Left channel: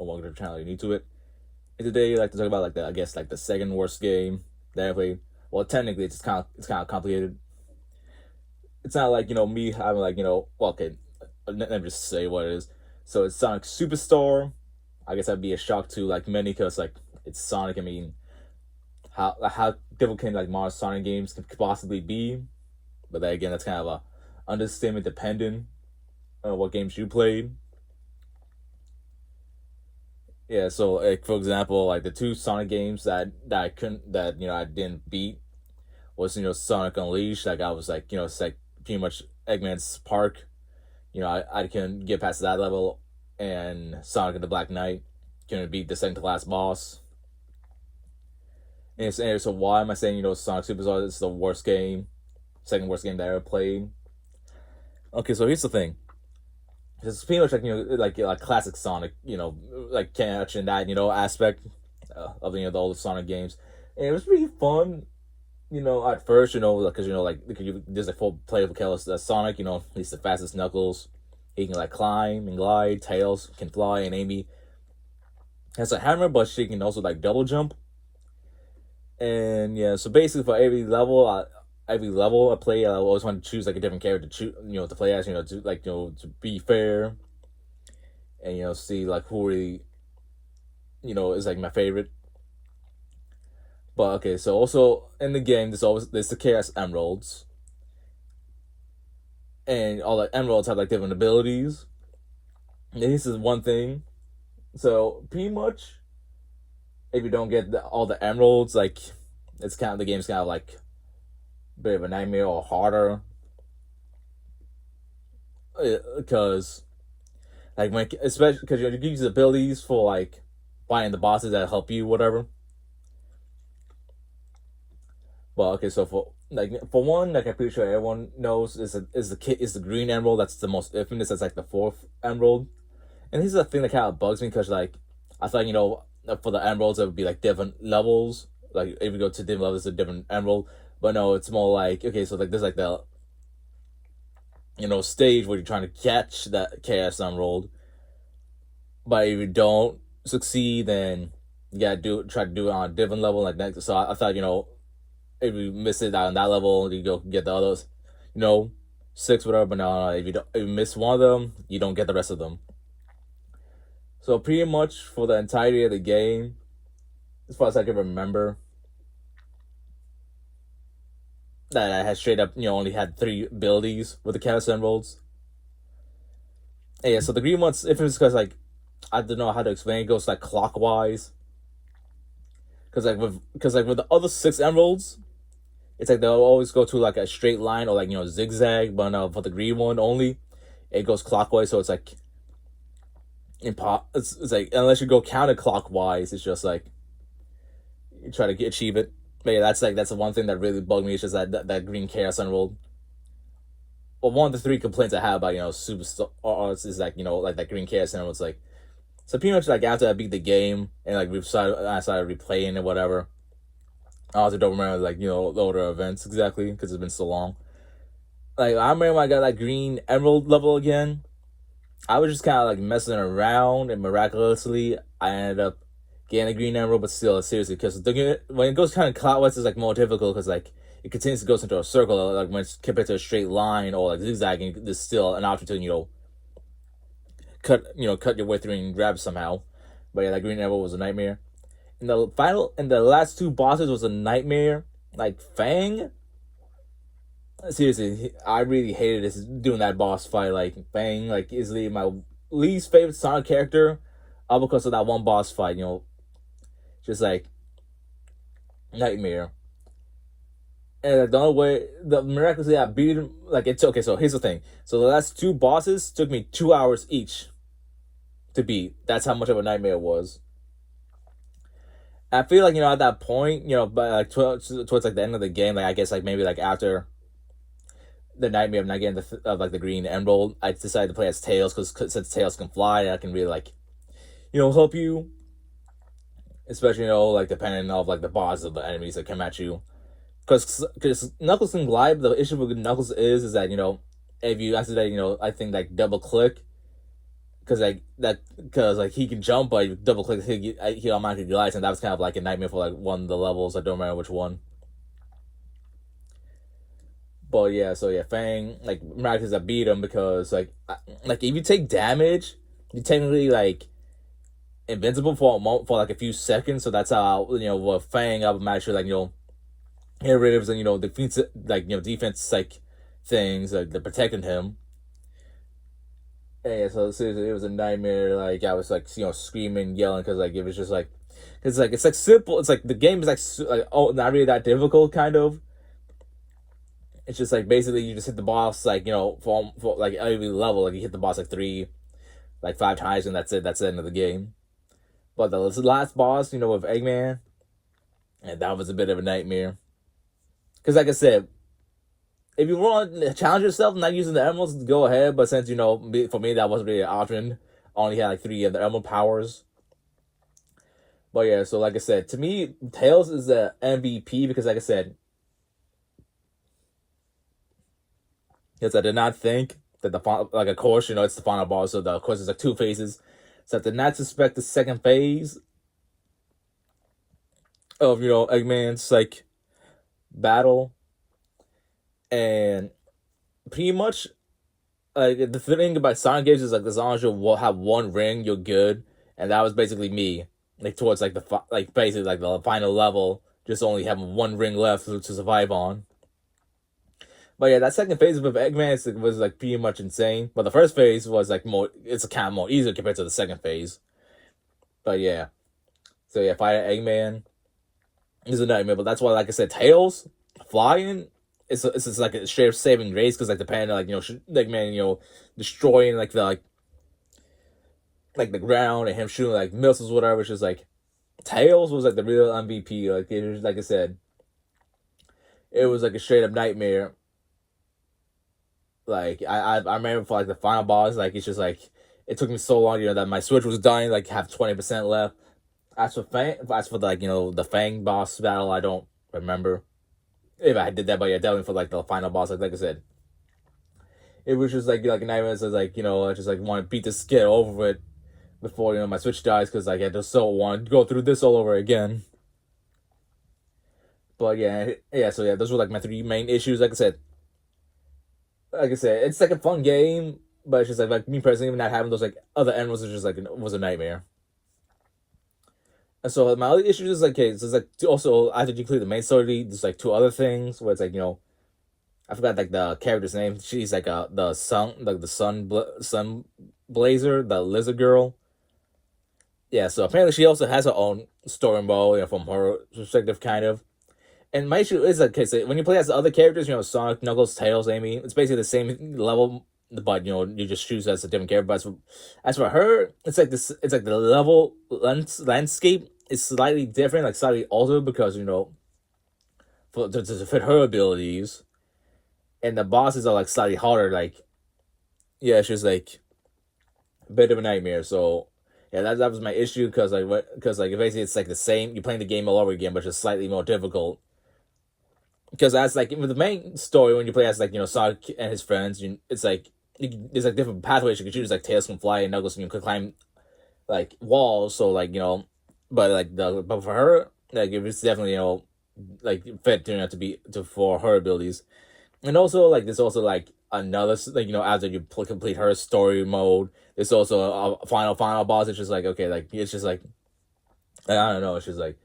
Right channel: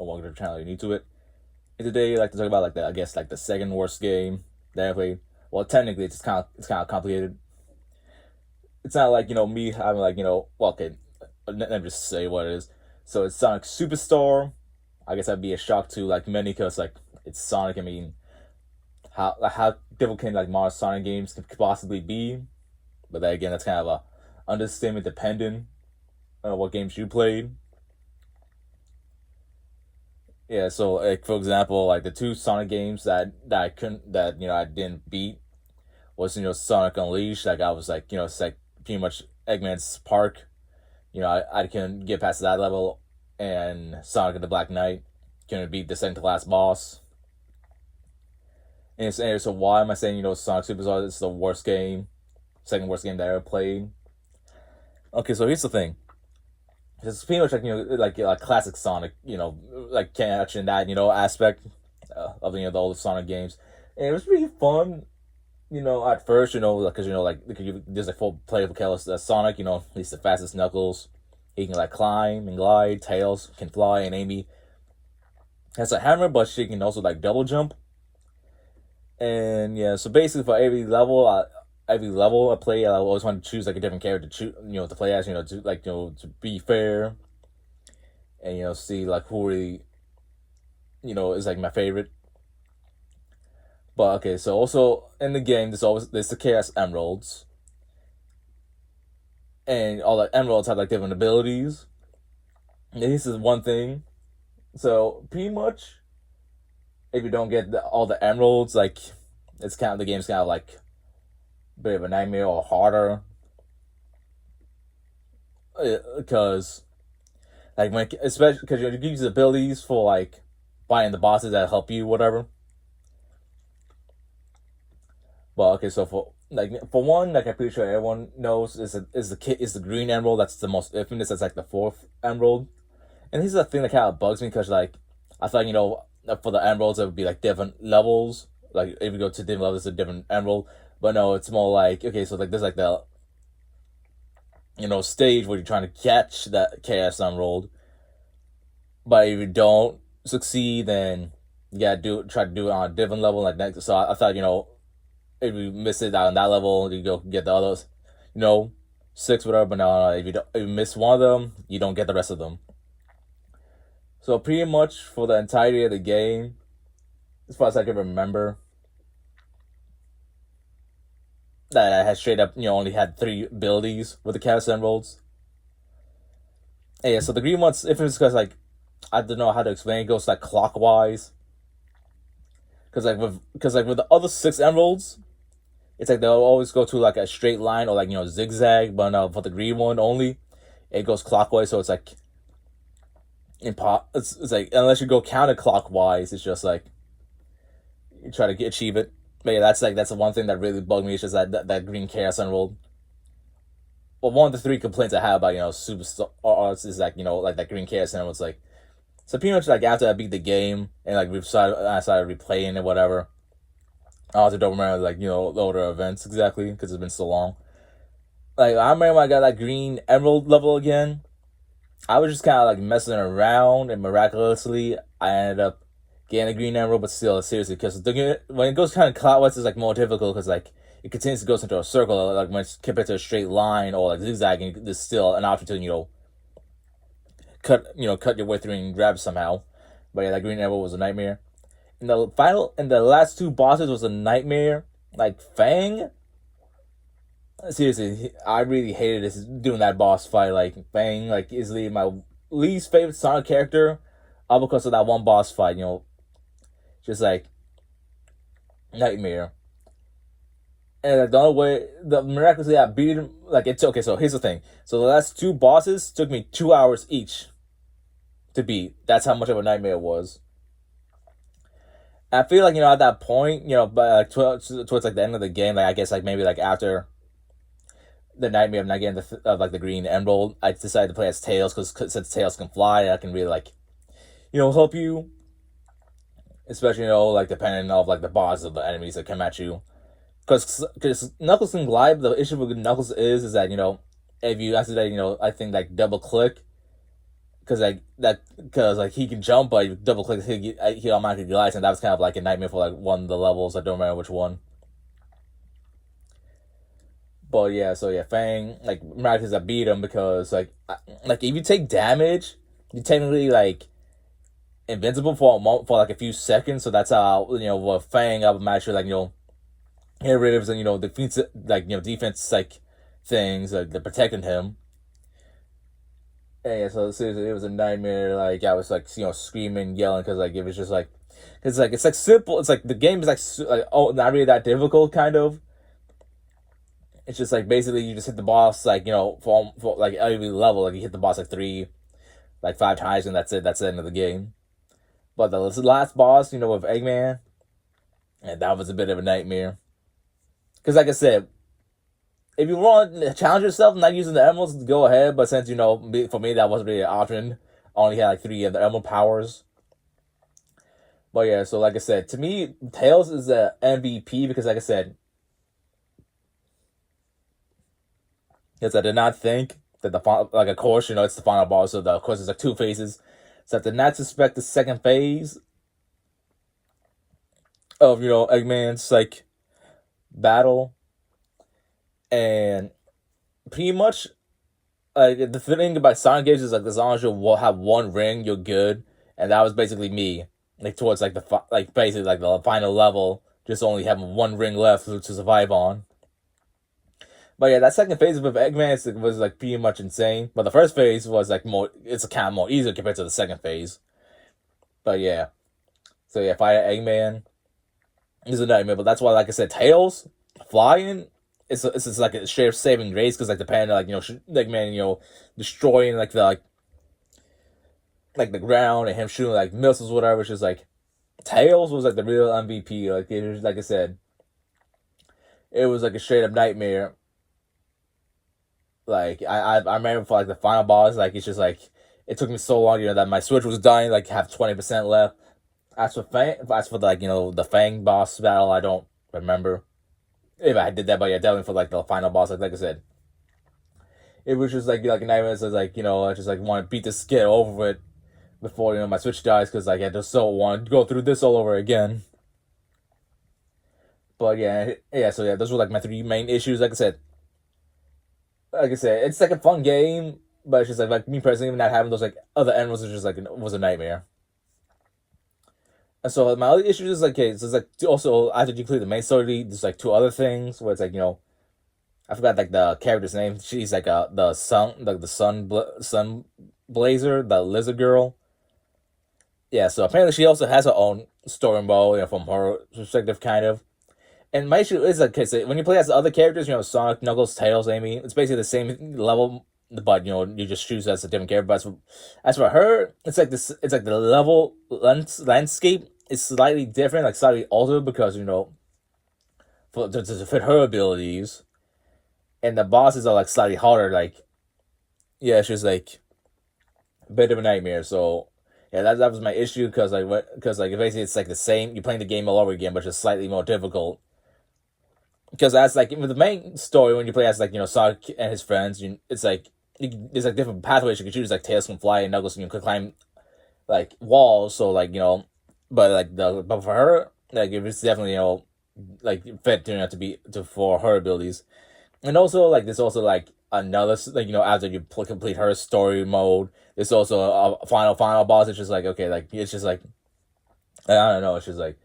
or welcome to the channel. You're new to it. And today, I'd like to talk about like the I guess like the second worst game that I played. Well, technically, it's kind of complicated. It's not like me having like well, okay, let me just say what it is. So it's Sonic Superstar. I guess that'd be a shock to like many because like it's Sonic. I mean, how difficult can like Mario Sonic games could possibly be? But then again, that's kind of a understatement dependent on what games you played. Yeah, so like for example, like the two Sonic games that I couldn't that I didn't beat was Sonic Unleashed. Like I was like it's like pretty much Eggman's Park. I couldn't get past that level, and Sonic the Black Knight couldn't beat the second to last boss. And so why am I saying Sonic Superstar is the worst game, second worst game that I ever played? Okay, so here's the thing. It's pretty much like classic Sonic, like catching that aspect of the older Sonic games, and it was really fun. At first, because there's like full playable characters. Sonic, he's the fastest Knuckles. He can like climb and glide. Tails can fly, and Amy has a hammer, but she can also like double jump. And yeah, so basically for every level I play, I always want to choose like a different character to choose, to play as, to be fair, and see like who really, is like my favorite. But okay, so also in the game, there's the Chaos Emeralds, and all the emeralds have like different abilities. And this is one thing. So pretty much, if you don't get all the emeralds, like the game's kind of like a bit of a nightmare or harder, because especially because it gives you abilities for like fighting the bosses that help you, whatever. Well, okay, so for one, like I'm pretty sure everyone knows is the green emerald. That's the most infamous. That's like the fourth emerald. And this is the thing that kind of bugs me because like I thought for the emeralds it would be like different levels. Like if you go to different levels, it's a different emerald. But no, it's more like okay, so like there's like the stage where you're trying to catch that Chaos Emerald. But if you don't succeed, then you gotta try to do it on a different level. Like next, so I thought if you miss it on that level, you go get the others, 6 whatever. But no, if you miss one of them, you don't get the rest of them. So pretty much for the entirety of the game, as far as I can remember, that I had straight up only had 3 abilities with the Chaos Emeralds. And yeah, so the green ones, if it's because like I don't know how to explain, it goes like clockwise. Because with the other 6 emeralds, it's like they'll always go to like a straight line or like zigzag. But for the green one only, it goes clockwise. So it's like it's like unless you go counterclockwise, it's just like you try to achieve it. But yeah, that's the one thing that really bugged me. It's just that green Chaos Emerald. Well, one of the 3 complaints I have about Superstar is like like that green Chaos Emerald. It's like so pretty much like after I beat the game and like I started replaying it, whatever. I also don't remember like the older events exactly because it's been so long. Like I remember when I got that green emerald level again. I was just kind of like messing around, and miraculously I ended up getting a green emerald. But still, seriously, because when it goes kind of clockwise, it's like more difficult because like it continues to go into a circle. Like when it's compared to a straight line or like zigzagging, there's still an option to cut your way through and grab somehow. But yeah, that green emerald was a nightmare. And the last 2 bosses was a nightmare. Like Fang. Seriously, I really hated doing that boss fight. Like Fang, like easily my least favorite Sonic character, all because of that one boss fight. Just like nightmare. And like, the only way, miraculously I beat him. Like it's okay. So here's the thing. So the last 2 bosses took me 2 hours each to beat. That's how much of a nightmare it was. And I feel like at that point, but like towards like the end of the game, like I guess like maybe like after the nightmare of not getting the green emerald, I decided to play as Tails because since Tails can fly, I can really like help you, especially like depending on like the boss of the enemies that come at you. Because Knuckles can glide. The issue with Knuckles is that if you accidentally I think like double click, because like he can jump, but you double click, he automatically glides, and that was kind of like a nightmare for like one of the levels. I don't remember which one. But yeah, so yeah, Fang, like Marcus, I beat him because like if you take damage, you technically like invincible for for like a few seconds. So that's how with Fang, I'm actually like get rid of defeats like defense like things like they're protecting him. And yeah, so seriously, it was a nightmare. Like I was like screaming, yelling because like it was just like it's like simple. It's like the game is like oh not really that difficult kind of. It's just like basically you just hit the boss like for like every level like you hit the boss like 5 times and that's it. That's the end of the game. But the last boss, with Eggman, and that was a bit of a nightmare. Because like I said, if you want to challenge yourself not using the emeralds, go ahead. But since for me that wasn't really an option. I only had like 3 of the emerald powers. But yeah, so like I said, to me, Tails is the MVP because like I said, yes, I did not think that the final, like of course, it's the final boss, so of course it's like 2 phases. So I did not suspect the second phase of Eggman's like battle, and pretty much the thing about Sonic games is like as long as you have 1 ring, you're good, and that was basically me. Like towards like basically like the final level, just only having 1 ring left to survive on. But yeah, that second phase with Eggman was like pretty much insane. But the first phase was like it's a kind of more easier compared to the second phase. But yeah, so yeah, Fire Eggman is a nightmare. But that's why, like I said, Tails flying, it's just like a straight saving grace because like the panda, like Eggman, destroying like the ground and him shooting like missiles, whatever. It's just like Tails was like the real MVP. Like it was, like I said, it was like a straight up nightmare. Like I remember for like the final boss, like it's just like it took me so long, that my Switch was dying, like have 20% left. As for the Fang boss battle, I don't remember if I did that, but yeah, definitely for like the final boss, like I said, it was just like a nightmare. So like I just like want to beat this get over it before my Switch dies because like I just so want to go through this all over again. But yeah, so yeah, those were like my 3 main issues. Like I said, it's like a fun game, but it's just like me personally not having those like other animals was just like was a nightmare. And so my other issues is like, okay, so it's like also after you clear the main story, there's like 2 other things where it's like I forgot like the character's name. She's like the sun blazer, the lizard girl. Yeah, so apparently she also has her own story mode, from her perspective, kind of. And my issue is like, okay, so when you play as the other characters, Sonic, Knuckles, Tails, Amy, it's basically the same level, but you just choose as a different character. But as for her, it's like this. It's like the level landscape is slightly different, like slightly altered because to fit her abilities, and the bosses are like slightly harder. Like, yeah, she's like a bit of a nightmare. So yeah, that was my issue because basically it's like the same. You're playing the game all over again, but just slightly more difficult. Because that's like in the main story when you play as Sonic and his friends, it's like there's like different pathways you can choose. Like Tails can fly and Knuckles can climb like walls. So like but for her like it's definitely like fit for her abilities. And also like there's also like another after you complete her story mode, there's also a final boss. It's just like okay, like it's just like I don't know. It's just like.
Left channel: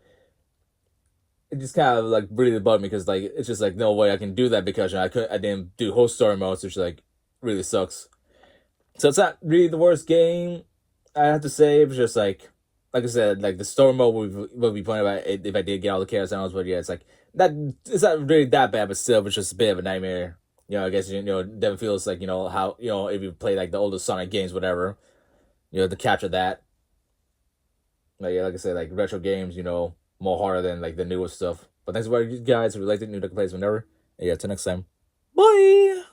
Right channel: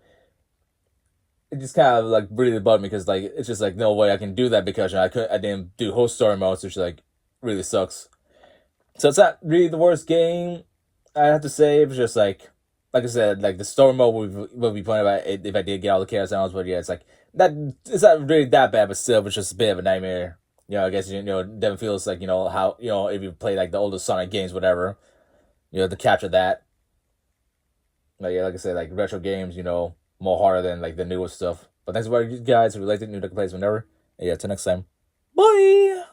It just kind of like really bugged me because like it's just like no way I can do that because I didn't do whole story modes, which like really sucks. So it's not really the worst game I have to say. It's just like I said, like the story mode we'll be playing about it if I did get all the characters, but yeah, it's like that. It's not really that bad, but still, it's just a bit of a nightmare. I guess it definitely feels like how if you play like the older Sonic games, whatever, you have to capture that. Like yeah, like I said, like retro games, more harder than like the newest stuff. But thanks for watching, guys. If you liked it, new plays whenever. And yeah, till next time. Bye.